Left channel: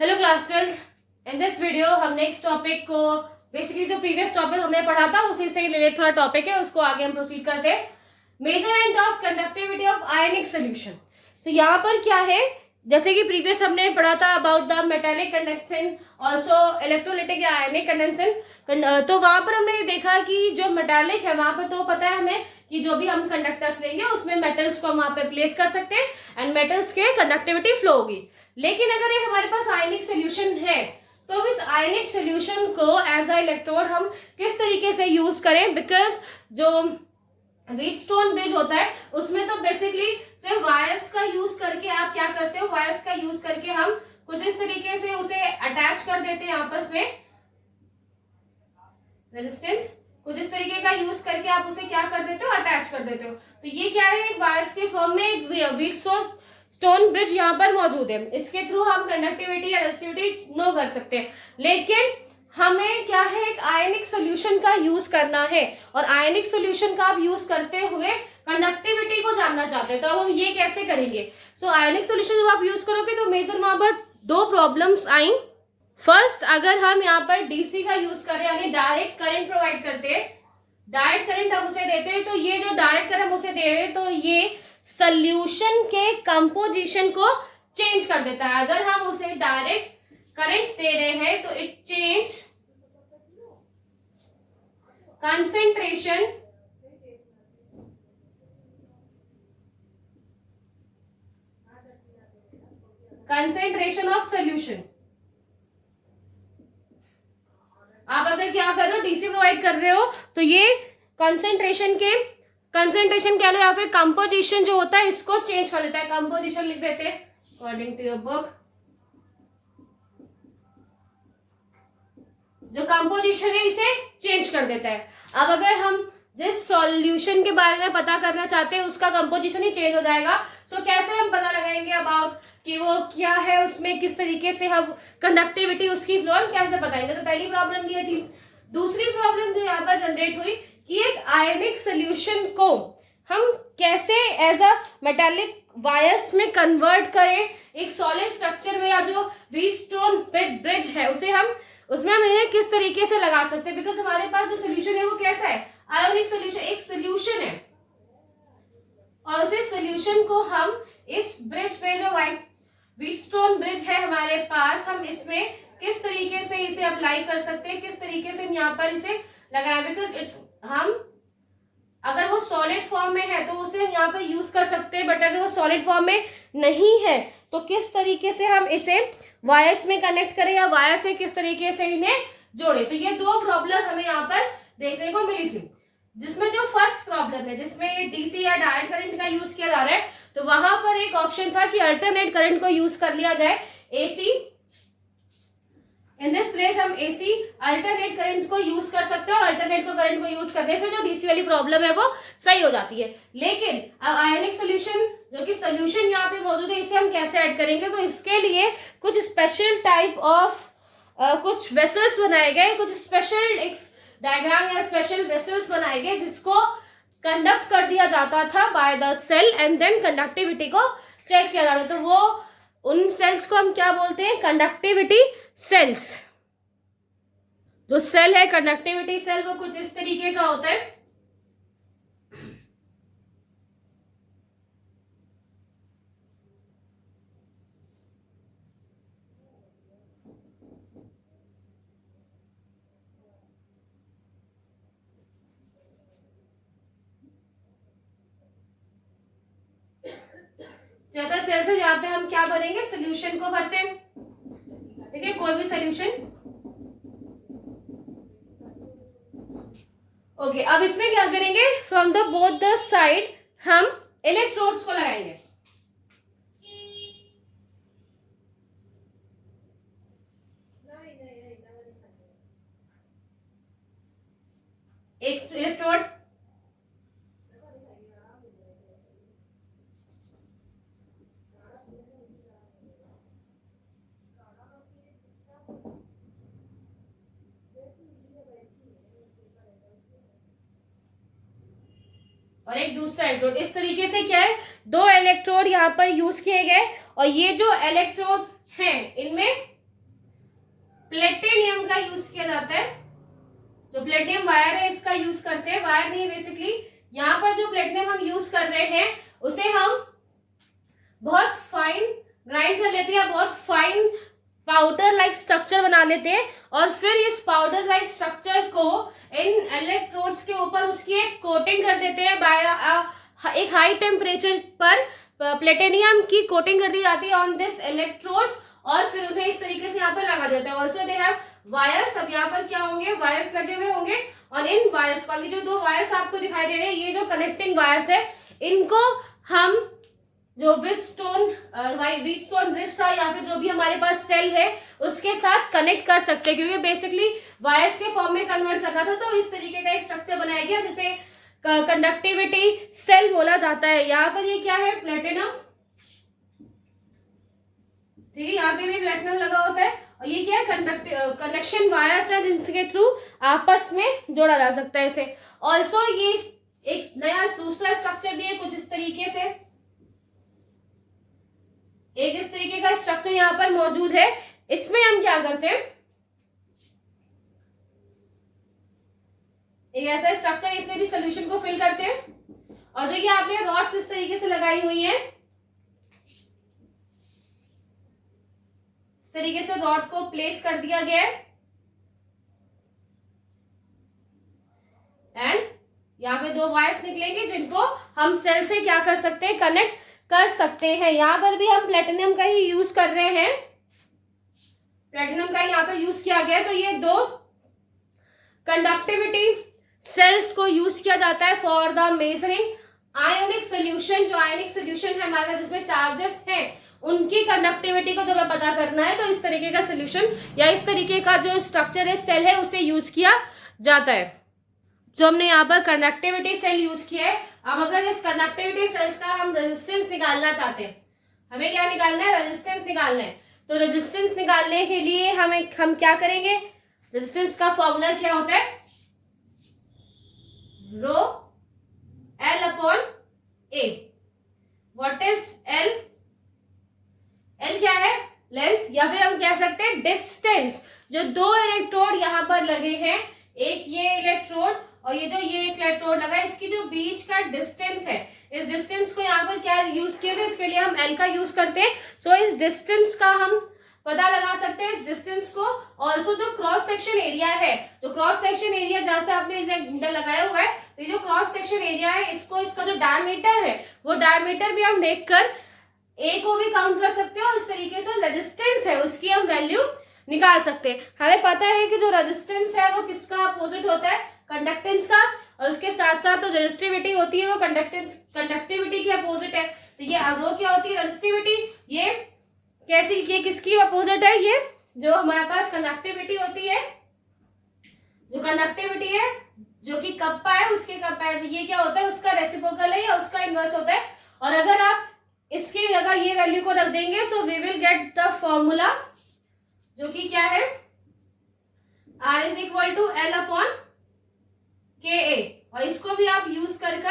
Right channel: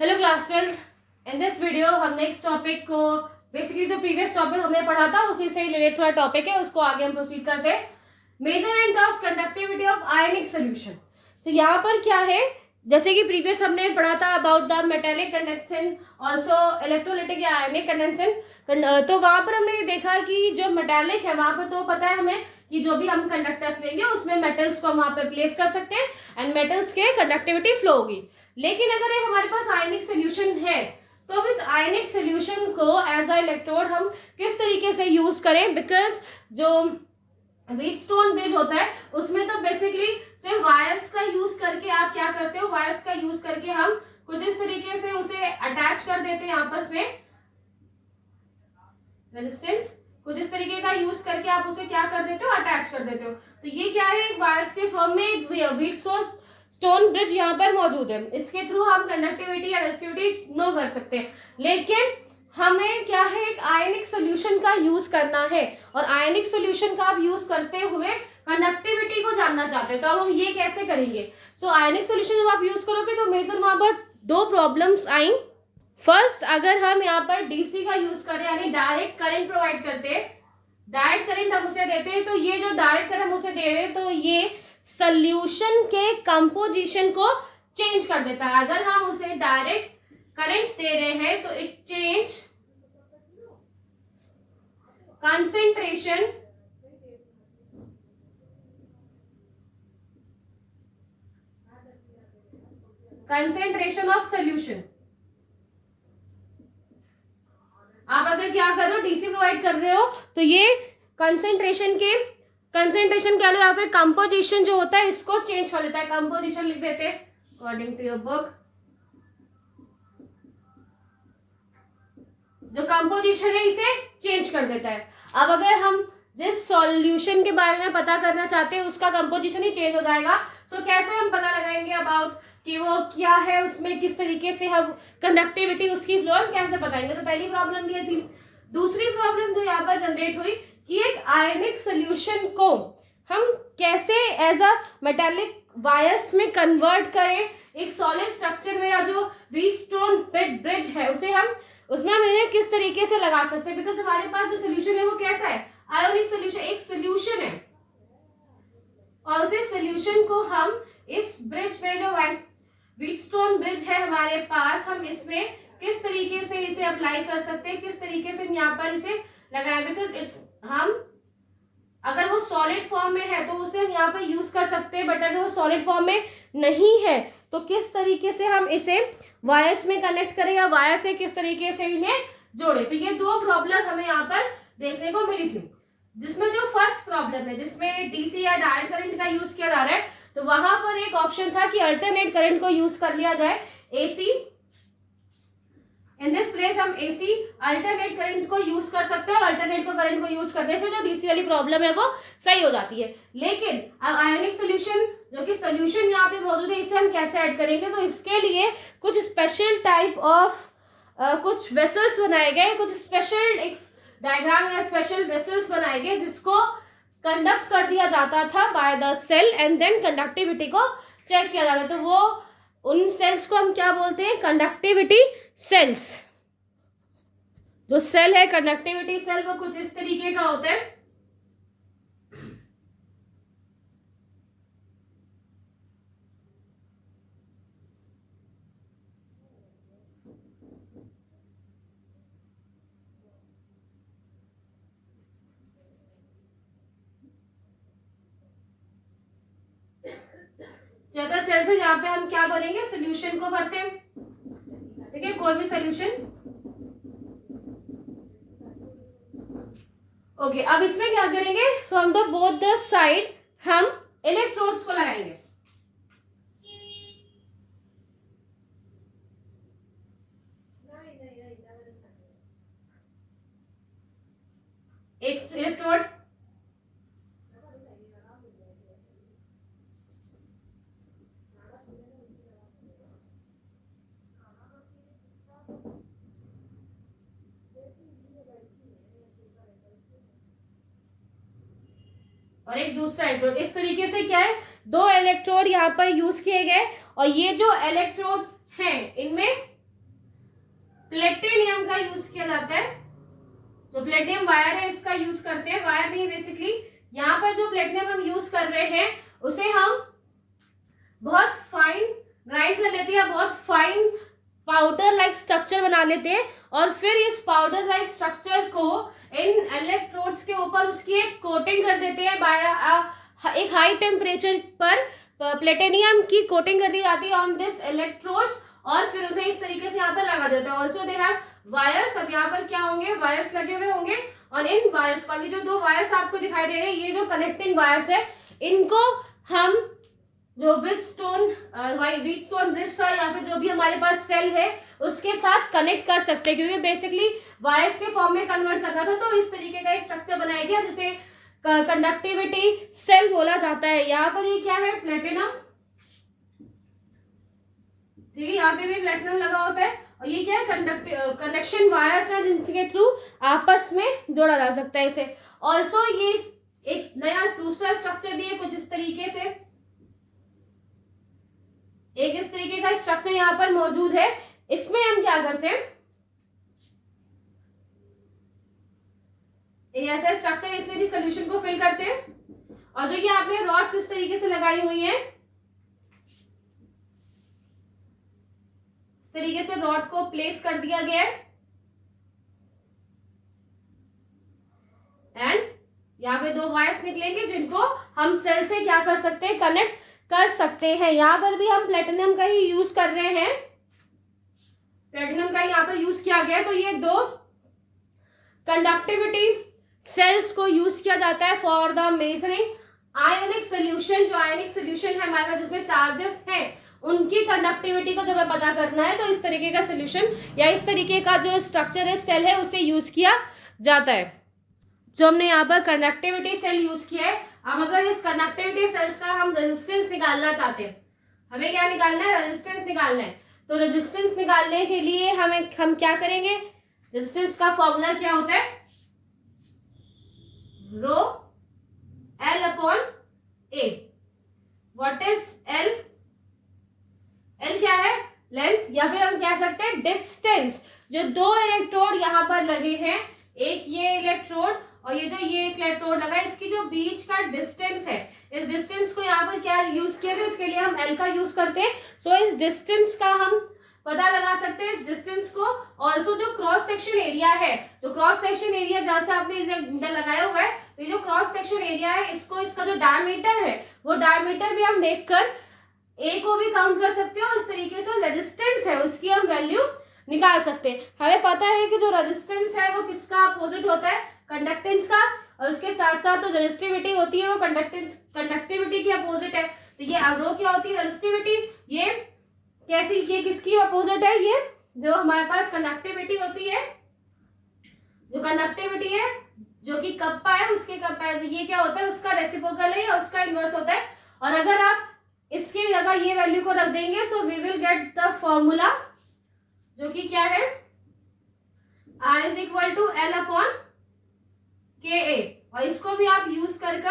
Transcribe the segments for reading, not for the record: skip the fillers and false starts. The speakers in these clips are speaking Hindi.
Hello class 12। In this video हम नेक्स्ट टॉपिक को बेसिकली जो प्रीवियस टॉपिक हमने पढ़ा था उसी से रिलेटेड थोड़ा टॉपिक है, उसको आगे हम प्रोसीड करते हैं। Measurement of conductivity of ionic solution. So यहाँ पर क्या है, जैसे कि प्रीवियस हमने पढ़ा था about the metallic conduction also electrolytic या आयनिक कंडक्शन। तो वहां पर हमने देखा कि जो मेटालिक है वहां पर तो पता है हमें कि जो भी हम कंडक्टर्स लेंगे उसमें मेटल्स को हम वहां पे प्लेस कर सकते हैं एंड मेटल्स के कंडक्टिविटी फ्लो होगी। लेकिन अगर एक हमारे पास आयनिक सोल्यूशन है तो इस आयनिक सोल्यूशन को एज अ इलेक्ट्रोड हम किस तरीके से यूज करें, बिकॉज जो व्हीटस्टोन ब्रिज होता है उसमें तो बेसिकली सिर्फ वायर्स का यूज करके आप क्या करते हो, वायर्स का यूज करके हम कुछ इस तरीके से उसे अटैच कर देते हैं आपस में, रेजिस्टेंस कुछ इस तरीके का यूज करके आप उसे क्या कर देते हो, अटैच कर देते हो। तो ये क्या है, एक वायर्स के फॉर्म में व्हीटस्टोन ब्रिज यहाँ पर मौजूद है। इसके थ्रू हम कंडक्टिविटी या रेजिस्टिविटी नो कर सकते हैं, लेकिन हमें क्या है, एक आयनिक सोल्यूशन का यूज करना है और आयनिक सोल्यूशन का आप यूज करते हुए कंडक्टिविटी को जानना चाहते हैं। तो अब हम ये कैसे करेंगे। सो आयनिक सोल्यूशन जब आप यूज करोगे तो मेजर वहां पर दो प्रॉब्लम्स आई। फर्स्ट, अगर हम यहाँ पर डीसी का यूज करें यानी डायरेक्ट करंट प्रोवाइड करते हैं, डायरेक्ट करंट हम उसे देते हैं, तो ये जो डायरेक्ट करंट हम उसे दे रहे हैं तो ये सोल्यूशन के कंपोजिशन को चेंज कर देता है। अगर हम उसे डायरेक्ट करंट दे रहे हैं तो it change concentration of solution. आप अगर क्या कर रहे हो, डीसी प्रोवाइड कर रहे हो तो ये कंसेंट्रेशन क्या या फिर कंपोजिशन जो होता है इसको चेंज कर देता है। कंपोजिशन लिख देते हैं अकॉर्डिंग टू योर बुक। जो कंपोजिशन है इसे चेंज कर देता है। अब अगर हम जिस सॉल्यूशन के बारे में पता करना चाहते हैं उसका कंपोजिशन ही चेंज हो जाएगा। सो कैसे हम पता लगाएंगे अबाउट कि वो क्या है, उसमें किस तरीके से हम कंडक्टिविटी उसकी फ्लो कैसे बताएंगे। तो पहली प्रॉब्लम ये थी। दूसरी प्रॉब्लम जो यहाँ पर जनरेट हुई कि एक आयनिक सोल्यूशन को हम कैसे एज अ मेटालिक वायर्स में कन्वर्ट करें एक सॉलिड स्ट्रक्चर में, या जो व्हीटस्टोन ब्रिज है उसे हम उसमें हम इन्हें किस तरीके से लगा सकते हैं। बिकॉज हमारे पास जो सोल्यूशन है वो कैसा है, आयोनिक सोल्यूशन, एक सोल्यूशन है और उसी सोल्यूशन को हम इस ब्रिज पे जो व्हीटस्टोन ब्रिज है हमारे पास, हम इसमें किस तरीके से इसे अप्लाई कर सकते हैं, किस तरीके से हम यहाँ पर इसे लगाए। बिकॉज हम अगर वो सॉलिड फॉर्म में है तो उसे हम यहाँ पर यूज कर सकते हैं, बट अगर वो सॉलिड फॉर्म में नहीं है तो किस तरीके से हम इसे वायर्स में कनेक्ट करें या वायर से किस तरीके से इन्हें जोड़े। तो ये दो प्रॉब्लम हमें यहाँ पर देखने को मिली थी, जिसमें जो फर्स्ट प्रॉब्लम है जिसमें डीसी या डायरेक्ट करंट का यूज किया जा रहा है, तो वहां पर एक ऑप्शन था कि अल्टरनेट करंट को यूज कर लिया जाए, एसी। इन दिस प्लेस हम एसी अल्टरनेट करंट को यूज कर सकते हैं और अल्टरनेट करंट को यूज करने से जो डीसी वाली प्रॉब्लम है वो सही हो जाती है। लेकिन आयनिक सोल्यूशन जो कि सोल्यूशन यहाँ पे मौजूद है इसे हम कैसे ऐड करेंगे, तो इसके लिए कुछ स्पेशल टाइप ऑफ कुछ वेसल्स बनाए गए, कुछ स्पेशल एक डायग्राम या स्पेशल वेसल्स बनाए गए जिसको कंडक्ट कर दिया जाता था by the cell and then conductivity को चेक किया जाता था। तो वो उन सेल्स को हम क्या बोलते हैं, कंडक्टिविटी सेल्स। जो सेल है कंडक्टिविटी सेल वो कुछ इस तरीके का होता है। जैसा सेल्स है यहाँ पे हम क्या भरेंगे, सोल्यूशन को भरते हैं, ठीक है, कोई भी सोल्यूशन। ओके, अब इसमें क्या करेंगे, from the both the side हम इलेक्ट्रोड्स को लगाएंगे। एक इलेक्ट्रोड और एक दूसरा इलेक्ट्रोड। इस तरीके से क्या है, दो इलेक्ट्रोड यहाँ पर यूज किए गए और ये जो इलेक्ट्रोड हैं इनमें प्लेटिनियम का यूज किया जाता है। जो प्लेटिनियम वायर है इसका यूज करते हैं, वायर नहीं बेसिकली, यहाँ पर जो प्लेटिनियम हम यूज कर रहे हैं उसे हम बहुत फाइन ग्राइंड कर लेते हैं, बहुत फाइन पाउडर लाइक स्ट्रक्चर बना लेते हैं, और फिर इस पाउडर लाइक स्ट्रक्चर को इन इलेक्ट्रोड्स के ऊपर उसकी एक कोटिंग कर देते हैं। बाय एक हाई टेम्परेचर पर प्लेटिनियम की कोटिंग कर दी जाती है ऑन दिस इलेक्ट्रोड्स, और फिर उन्हें इस तरीके से यहाँ पर लगा देता है। ऑल्सो दे हैव वायर्स, अब यहाँ पर क्या होंगे, वायर्स लगे हुए होंगे, और इन वायर्स को, ये जो दो वायर्स आपको दिखाई दे रहे हैं, ये जो कनेक्टिंग वायर्स है, इनको हम जो व्हीटस्टोन ब्रिज था या फिर जो भी हमारे पास सेल है उसके साथ कनेक्ट कर सकते हैं, क्योंकि बेसिकली वायर्स के फॉर्म में कन्वर्ट करना था, तो इस तरीके का एक स्ट्रक्चर बनाया गया जिसे कंडक्टिविटी सेल बोला जाता है। यहाँ पर ये क्या है, प्लेटिनम, ठीक है, यहाँ पे भी प्लेटिनम लगा होता है, और ये क्या है, कनेक्शन वायर्स है जिनके थ्रू आपस में जोड़ा जा सकता है इसे। ऑल्सो ये एक नया दूसरा स्ट्रक्चर भी है कुछ इस तरीके से, एक इस तरीके का स्ट्रक्चर यहाँ पर मौजूद है। इसमें हम क्या करते हैं, एक ऐसा स्ट्रक्चर, इसमें भी सोल्यूशन को फिल करते हैं, और जो ये आपने रॉड्स इस तरीके से लगाई हुई है, इस तरीके से रॉड को प्लेस कर दिया गया है, एंड यहाँ पे दो वायर्स निकलेंगे जिनको हम सेल से क्या कर सकते हैं, कनेक्ट कर सकते हैं। यहाँ पर भी हम प्लेटिनम का ही यूज कर रहे हैं, प्लेटिनम का यहाँ पर यूज किया गया है। तो ये दो कंडक्टिविटी सेल्स को यूज किया जाता है for the measuring ionic solution. जो आयोनिक सोल्यूशन है हमारे पास जिसमें चार्जेस हैं उनकी कंडक्टिविटी को जब हमें पता करना है, तो इस तरीके का सोल्यूशन या इस तरीके का जो स्ट्रक्चर है सेल है उसे यूज किया जाता है। जो हमने यहाँ पर कंडक्टिविटी सेल यूज किया है, अब अगर इस कंडक्टिविटी सेल्स का हम रेजिस्टेंस निकालना चाहते हैं, हमें क्या निकालना है, रेजिस्टेंस निकालना है। तो रेजिस्टेंस निकालने के लिए हम क्या करेंगे, रेजिस्टेंस का फॉर्मूला क्या होता है, rho L upon A. What is L, L क्या है, लेंथ, या फिर हम कह सकते हैं डिस्टेंस। जो दो इलेक्ट्रोड यहाँ पर लगे हैं, एक ये इलेक्ट्रोड और ये जो ये इलेक्ट्रोड लगा है, इसकी जो बीच का डिस्टेंस है, इस डिस्टेंस को यहाँ पर क्या यूज किया गया, इसके लिए हम एल का यूज करते हैं। सो इस डिस्टेंस का हम पता लगा सकते हैं, इस डिस्टेंस को। ऑल्सो जो क्रॉस सेक्शन एरिया है, जो क्रॉस सेक्शन एरिया जहां से आपने इसे लगाया हुआ है, तो ये जो क्रॉस सेक्शन एरिया है, इसको, इसका जो डायमीटर है वो डायमीटर भी हम देखकर ए को भी काउंट कर सकते हैं, और इस तरीके से रेजिस्टेंस है उसकी हम वैल्यू निकाल सकते हैं। हमें पता है कि जो रेजिस्टेंस है वो किसका अपोजिट होता है, कंडक्टेंस का, और उसके साथ साथ जो रेजिस्टिविटी होती है वो कंडक्टिविटी की अपोजिट है। तो ये रो क्या होती है, रेजिस्टिविटी, ये कैसी, ये किसकी अपोजिट है, ये जो हमारे पास कंडक्टिविटी होती है, जो कंडक्टिविटी है जो कि कप्पा है उसके कंपैरिजन, ये क्या होता है, उसका रेसिप्रोकल है या उसका इनवर्स होता है। और अगर आप इसकी जगह ये वैल्यू को रख देंगे, so we will get the formula जो कि क्या है, R is equal to L upon K A, और इसको भी आप यूज कर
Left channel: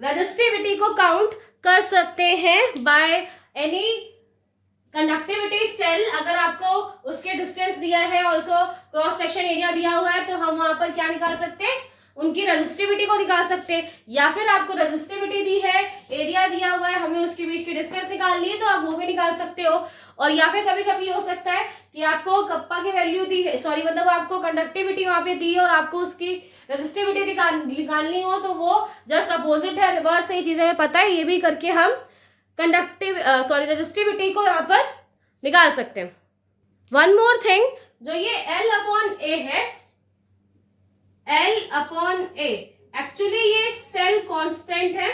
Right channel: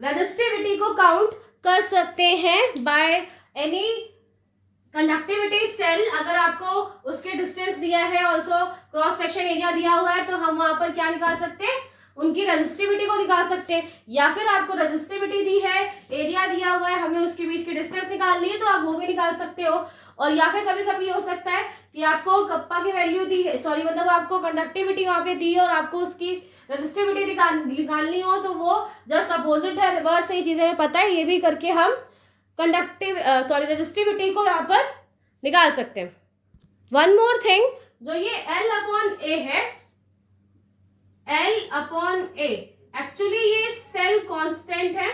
रेजिस्टिविटी को काउंट कर सकते हैं बाय एनी कंडक्टिविटी सेल। अगर आपको उसके डिस्टेंस दिया है, ऑल्सो क्रॉस सेक्शन एरिया दिया हुआ है, तो हम वहां पर क्या निकाल सकते हैं, उनकी रेजिस्टिविटी को निकाल सकते हैं। या फिर आपको रेजिस्टिविटी दी है, एरिया दिया हुआ है, हमें उसके बीच की डिस्टेंस निकालनी है, तो आप वो भी निकाल सकते हो। और या फिर कभी कभी हो सकता है कि आपको कप्पा की वैल्यू दी है, सॉरी मतलब आपको कंडक्टिविटी वहां पे दी है और आपको उसकी रेजिस्टिविटी निकालनी हो, तो वो जस्ट अपोजिट है, रिवर्स है, ये चीजें हमें पता है, ये भी करके हम रेजिस्टिविटी को यहाँ पर निकाल सकते हैं। वन मोर थिंग, जो ये एल अपॉन ए है, एल अपॉन ए, एक्चुअली ये सेल कांस्टेंट है,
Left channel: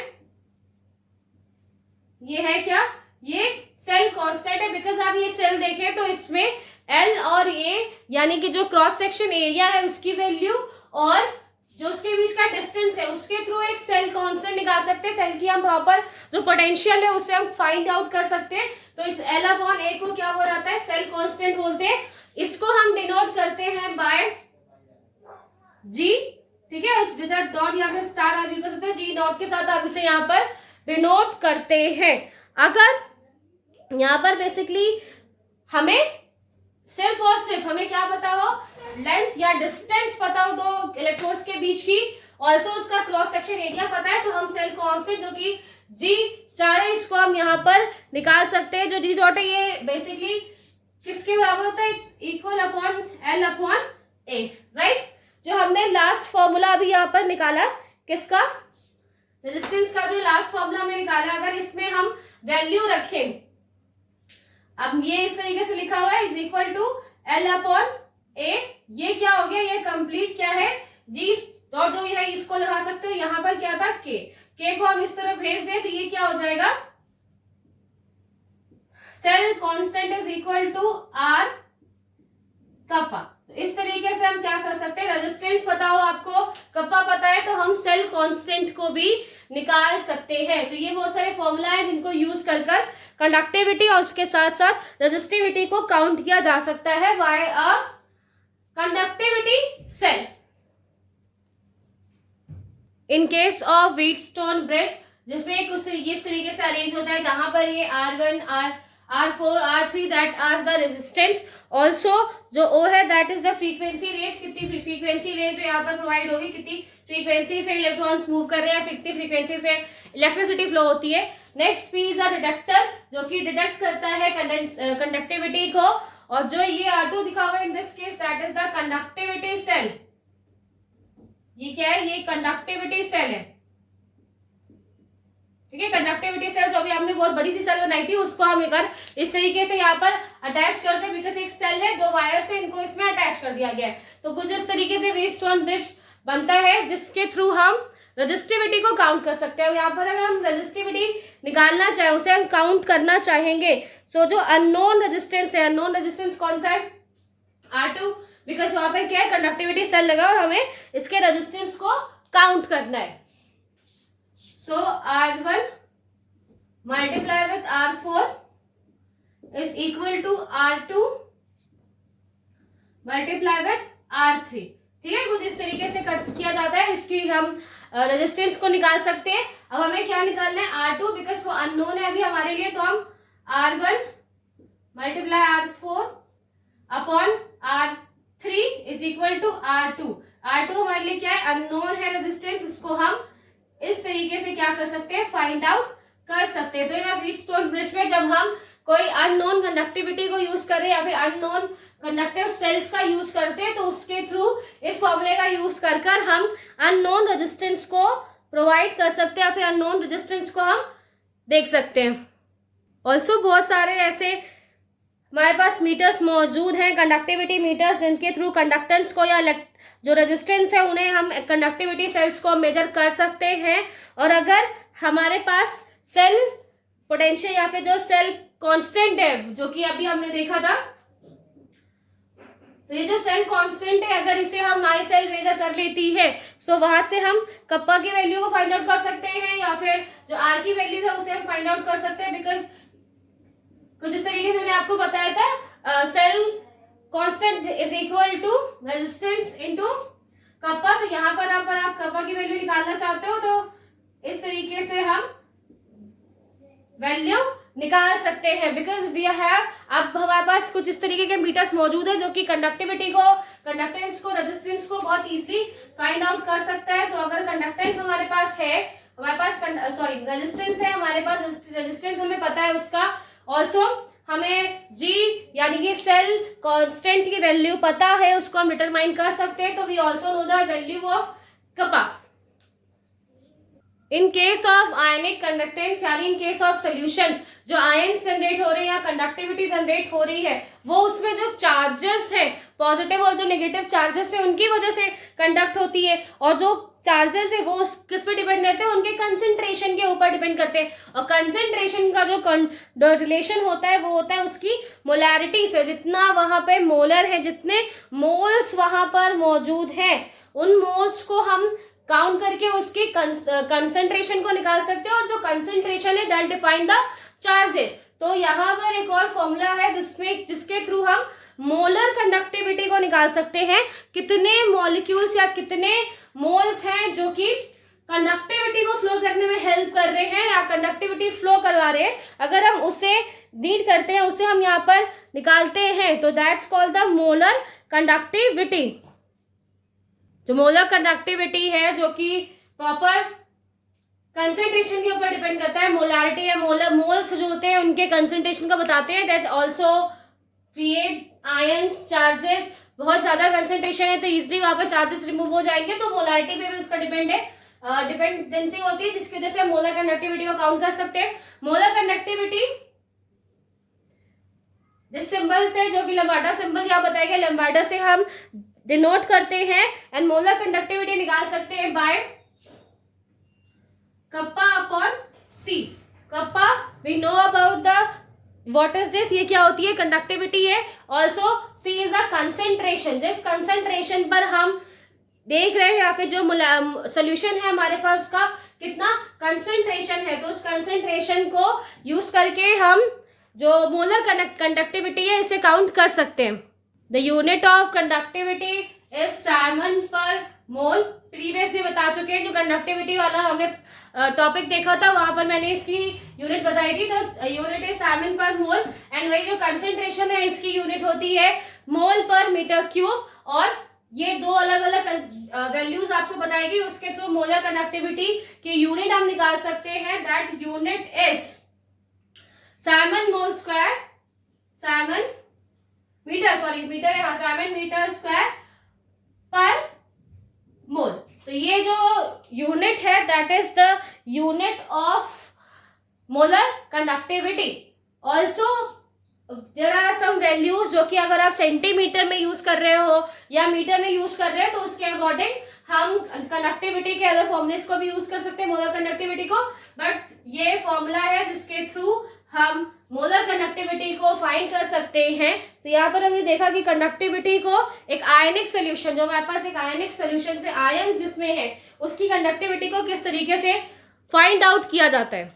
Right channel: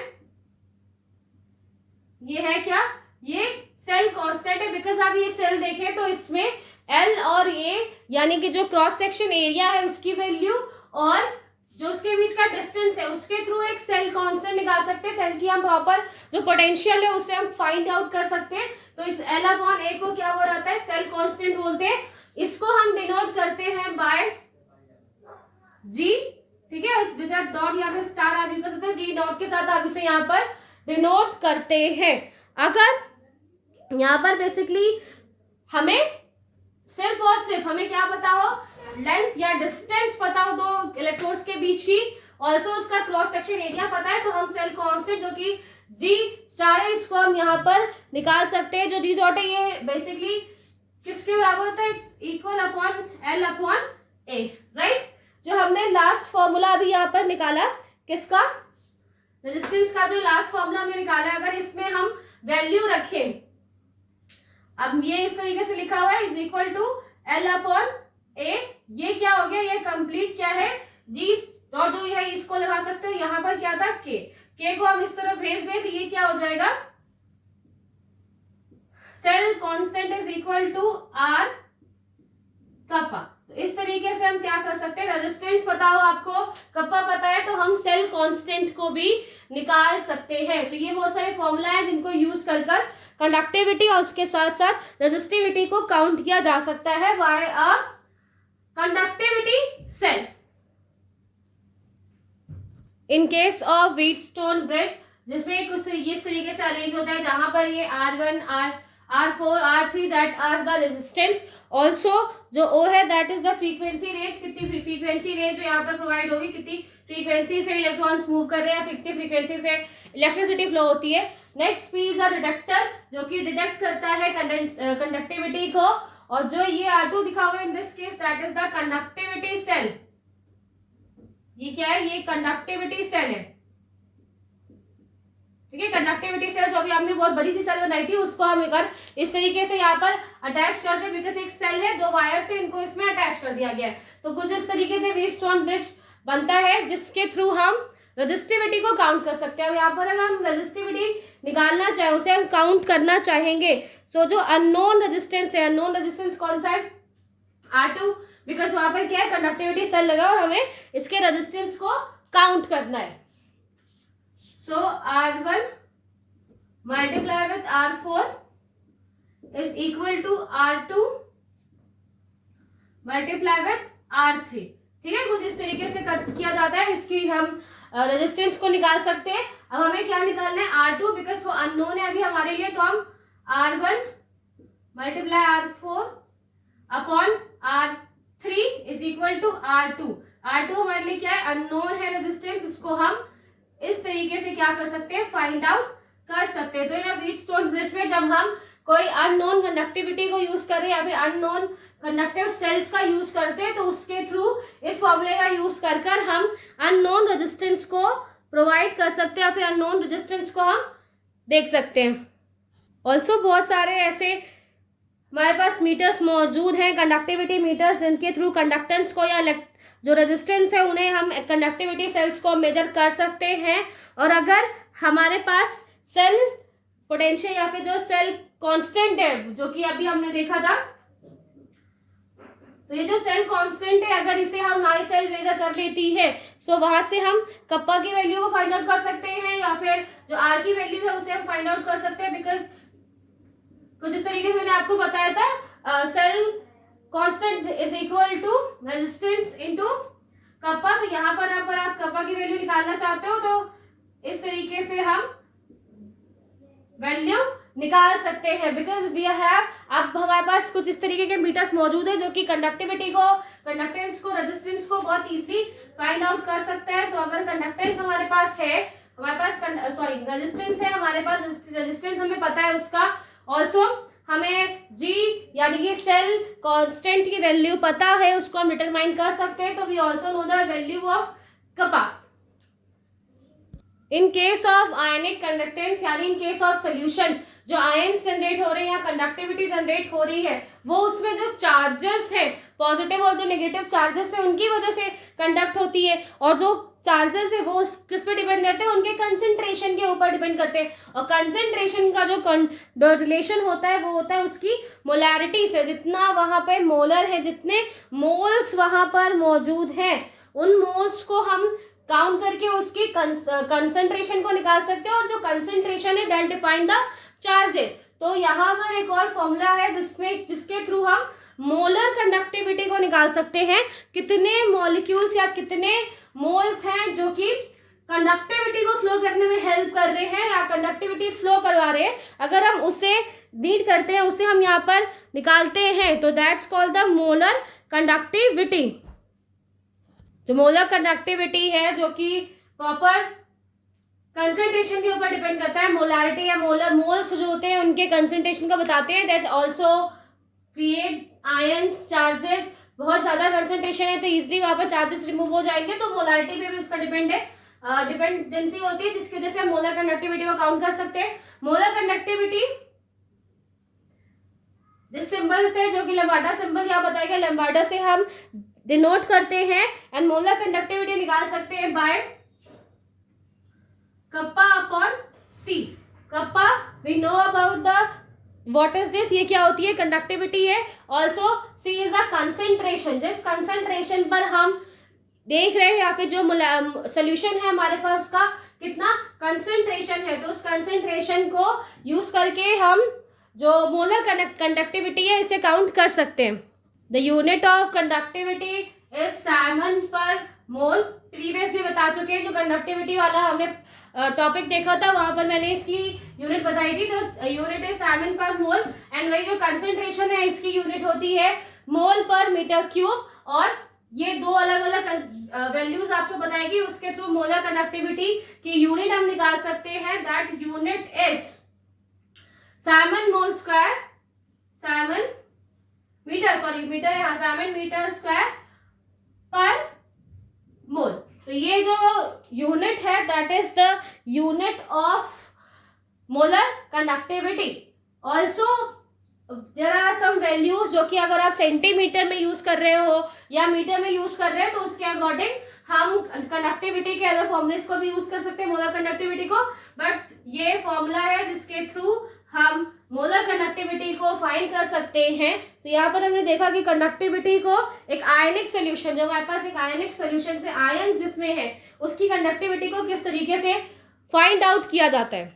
ये है क्या, ये सेल कांस्टेंट है, बिकॉज आप ये सेल देखें तो इसमें एल और ए यानी कि जो क्रॉस सेक्शन एरिया है उसकी वैल्यू और जो उसके बीच का डिस्टेंस है उसके थ्रू एक सेल कांस्टेंट निकाल सकते हैं। सेल की हम प्रॉपर जो पोटेंशियल है उससे हम फाइंड आउट कर सकते हैं। तो इस एल अपॉन ए को क्या बोला जाता है, सेल कांस्टेंट बोलते हैं। इसको हम डिनोट करते हैं बाय जी, ठीक है, इस विदाउट डॉट या फिर स्टार आप यूज कर सकते हो, जी डॉट के साथ आप इसे यहाँ पर डिनोट करते हैं। अगर यहाँ पर बेसिकली हमें सिर्फ और सिर्फ हमें क्या पता हो, लेंथ या डिस्टेंस पता हो दो इलेक्ट्रोड्स के बीच की, ऑल्सो उसका क्रॉस सेक्शन एरिया पता है, तो हम सेल कांस्टेंट जो कि जी स्टार है इसको हम यहाँ पर निकाल सकते हैं। जो जी डॉट है ये बेसिकली किसके बराबर होता है, इक्वल अपॉन एल अपॉन ए, राइट। जो हमने लास्ट फॉर्मूला अभी यहाँ पर निकाला किसका, रेजिस्टेंस का जो लास्ट फॉर्मूला हमने निकाला, अगर इसमें हम वैल्यू रखें, अब ये इस तरीके से लिखा हुआ है is equal to L upon A, ये क्या हो गया, ये कंप्लीट क्या है जी डॉट जो है इसको लगा सकते हो, यहाँ पर क्या था के को हम इस तरह भेज दें तो ये क्या हो जाएगा, cell constant is equal to R kappa. तो इस तरीके से हम क्या कर सकते हैं, रेजिस्टेंस पता हो आपको, कप्पा पता है, तो हम सेल कांस्टेंट को भी निकाल सकते हैं। तो ये बहुत सारे फॉर्मूला है जिनको यूज कर कंडक्टिविटी और उसके साथ साथ रेजिस्टिविटी को काउंट किया जा सकता है by a conductivity cell. In case of Wheatstone bridge, जिसमें कुछ इस तरीके से अरेंज होता है, जहां पर ये R1, R4, R3 that are the resistance, also जो O है that is the frequency range, कितनी फ्रीक्वेंसी रेंज जो यहाँ पर प्रोवाइड होगी, कितनी फ्रीक्वेंसी से इलेक्ट्रॉन्स मूव कर रहे हैं, कितनी फ्रीक्वेंसी से इलेक्ट्रिसिटी फ्लो होती है। Next P is the detector, जो कि डिटेक्ट करता है कंडक्टिविटी को, और जो ये R2 दिखा हुआ है in this case that is the conductivity cell. ये क्या है, ये कंडक्टिविटी सेल है, ठीक है। कंडक्टिविटी सेल जो भी आपने बहुत बड़ी सी सेल बनाई थी उसको हम अगर इस तरीके से यहाँ पर अटैच करते हैं, बिकॉज एक सेल है, दो वायर से इनको इसमें अटैच कर दिया गया है, तो कुछ इस तरीके से व्हीटस्टोन ब्रिज बनता है जिसके थ्रू हम रेजिस्टिविटी को काउंट कर सकते हैं। यहाँ पर अगर हम रेजिस्टिविटी निकालना चाहें, उसे हम काउंट करना चाहेंगे, सो जो अननोन रेजिस्टेंस है, अननोन रेजिस्टेंस कौन सा है, R2, बिकॉज वहां पर क्या है, कंडक्टिविटी सेल लगा और हमें इसके रेजिस्टेंस को काउंट करना है। So R1 multiply with R4 is equal to R2 multiply with R3, ठीक है। कुछ इस तरीके से किया जाता है, इसकी हम रेजिस्टेंस को निकाल सकते हैं। अब हमें क्या निकालना है, R2, बिकॉज वो अननोन है अभी हमारे लिए, तो हम R1 multiply R4 upon R3 is equal to R2। R2 हमारे लिए क्या है, अननोन है रेजिस्टेंस, इसको हम इस तरीके से क्या कर सकते हैं, फाइंड आउट कर सकते हैं। तो इन व्हीटस्टोन ब्रिज में जब हम कोई अननोन कंडक्टिविटी को यूज कर रहे हैं या फिर अननोन कंडक्टिव सेल्स का यूज करते हैं, तो उसके थ्रू इस फॉर्मूले का यूज कर कर हम अननोन रेजिस्टेंस को प्रोवाइड कर सकते हैं, या फिर अननोन रेजिस्टेंस को हम देख सकते हैं। ऑल्सो बहुत सारे ऐसे हमारे पास मीटर्स मौजूद हैं, कंडक्टिविटी मीटर्स, जिनके थ्रू कंडक्टेंस को या जो रेजिस्टेंस है उन्हें हम कंडक्टिविटी सेल्स को मेजर कर सकते हैं। और अगर हमारे पास सेल पोटेंशियल या फिर जो सेल कांस्टेंट है, जो कि अभी हमने देखा था, तो ये जो सेल कांस्टेंट है, अगर इसे हम माई सेल मेजर कर लेती है, सो वहां से हम कप्पा की वैल्यू को फाइंड आउट कर सकते हैं, या फिर जो आर की वैल्यू है उसे हम फाइंड आउट कर सकते हैं, बिकॉज कुछ इस तरीके से मैंने आपको बताया था, cell constant is equal to resistance into kappa. तो यहाँ पर आप कप्पा की वैल्यू निकालना चाहते हो तो इस तरीके से हम वैल्यू निकाल सकते हैं, बिकॉज वी हैव, अब हमारे पास कुछ इस तरीके के मीटर्स मौजूद है जो कि कंडक्टिविटी को, कंडक्टेंस को, रेजिस्टेंस को बहुत इजीली फाइंड आउट कर सकता है। तो अगर कंडक्टेंस हमारे पास है, हमारे पास रेजिस्टेंस है हमारे पास, रेजिस्टेंस हमें पता है उसका, ऑल्सो हमें जी यानी कि सेल कांस्टेंट की वैल्यू पता है, उसको हम डिटरमाइन कर सकते हैं। तो we also know the value of kappa. In case of ionic conductance, यानी इन केस ऑफ सोल्यूशन, जो आयंस जनरेट हो रहे हैं या कंडक्टिविटी जनरेट हो रही है, वो उसमें जो चार्जेस है, पॉजिटिव और जो नेगेटिव चार्जेस है, उनकी वजह से कंडक्ट होती है। और जो चार्जेस है वो किस पे डिपेंड करते हैं, उनके कंसंट्रेशन के ऊपर डिपेंड करते हैं। और कंसंट्रेशन का जो रिलेशन होता है वो होता है उसकी मोलैरिटी से, जितना वहां पे मोलर है, जितने मोल्स वहां पर मौजूद हैं, उन मोल्स को हम काउंट करके उसकी कंसंट्रेशन को निकाल सकते हैं, और जो कंसंट्रेशन है दैट डिफाइन द चार्जेस। तो यहाँ पर एक और फॉर्मूला है जिसके थ्रू हम मोलर कंडक्टिविटी को निकाल सकते हैं, कितने मॉलिक्यूल्स या कितने मोल्स हैं जो कि कंडक्टिविटी को फ्लो करने में हेल्प कर रहे हैं या कंडक्टिविटी फ्लो करवा रहे हैं, अगर हम उसे नीड करते हैं, उसे हम यहाँ पर निकालते हैं, तो that's called the molar conductivity. जो मोलर कंडक्टिविटी है जो कि प्रॉपर कंसेंट्रेशन के ऊपर डिपेंड करता है, मोलारिटी या मोलर मोल्स जो होते हैं उनके कंसेंट्रेशन को बताते हैं, that also create ions charges. बहुत ज्यादा कंसेंट्रेशन है तो इजिली वहां पर चार्जेस रिमूव हो जाएंगे, तो मोलारिटी पे भी उसका डिपेंडेंसी होती है, जिसकी वजह से हम मोलर कंडक्टिविटी को काउंट कर सकते हैं। मोलर कंडक्टिविटी जिस सिंबल से, जो कि लैम्ब्डा सिंबल यहाँ बताया गया, लैम्ब्डा से हम डिनोट करते हैं, एंड मोलर कंडक्टिविटी निकाल सकते हैं by kappa upon C. Kappa we know about the what is this, ये क्या होती है, कंडक्टिविटी है। Also C is the concentration, जिस कंसेंट्रेशन पर हम देख रहे हैं या फिर जो सोल्यूशन है हमारे पास उसका कितना कंसेंट्रेशन है, तो उस कंसेंट्रेशन को यूज करके हम जो मोलर कंडक्टिविटी है इसे काउंट कर सकते हैं। The unit of conductivity is Simon पर मोल। प्रीवियस भी बता चुके हैं, जो कंडक्टिविटी वाला हमने टॉपिक देखा था वहां पर मैंने इसकी यूनिट बताई थी, तो यूनिट इज साइमन पर मोल, एंड वही जो कंसेंट्रेशन है इसकी यूनिट होती है मोल पर मीटर क्यूब। और ये दो अलग अलग वैल्यूज आपको बताएगी, उसके थ्रू मोलर कंडक्टिविटी की यूनिट हम निकाल सकते हैं। That unit is Siemens mole square, Siemens metre, sorry metre है, हाँ, साइमन मीटर स्क्वायर पर मोल। तो ये जो यूनिट है that is the unit of molar conductivity. Also there are some values जो कि अगर आप सेंटीमीटर में यूज कर रहे हो या मीटर में यूज कर रहे हो तो उसके अकॉर्डिंग हम कंडक्टिविटी के अदर फॉर्मूलेस को भी यूज कर सकते हैं मोलर कंडक्टिविटी को, बट ये फॉर्मूला है जिसके थ्रू हम मोलर कंडक्टिविटी को फाइंड कर सकते हैं। तो यहाँ पर हमने देखा कि कंडक्टिविटी को एक आयनिक सोल्यूशन, जो हमारे पास एक आयनिक सोल्यूशन से आयंस जिसमें है उसकी कंडक्टिविटी को किस तरीके से फाइंड आउट किया जाता है।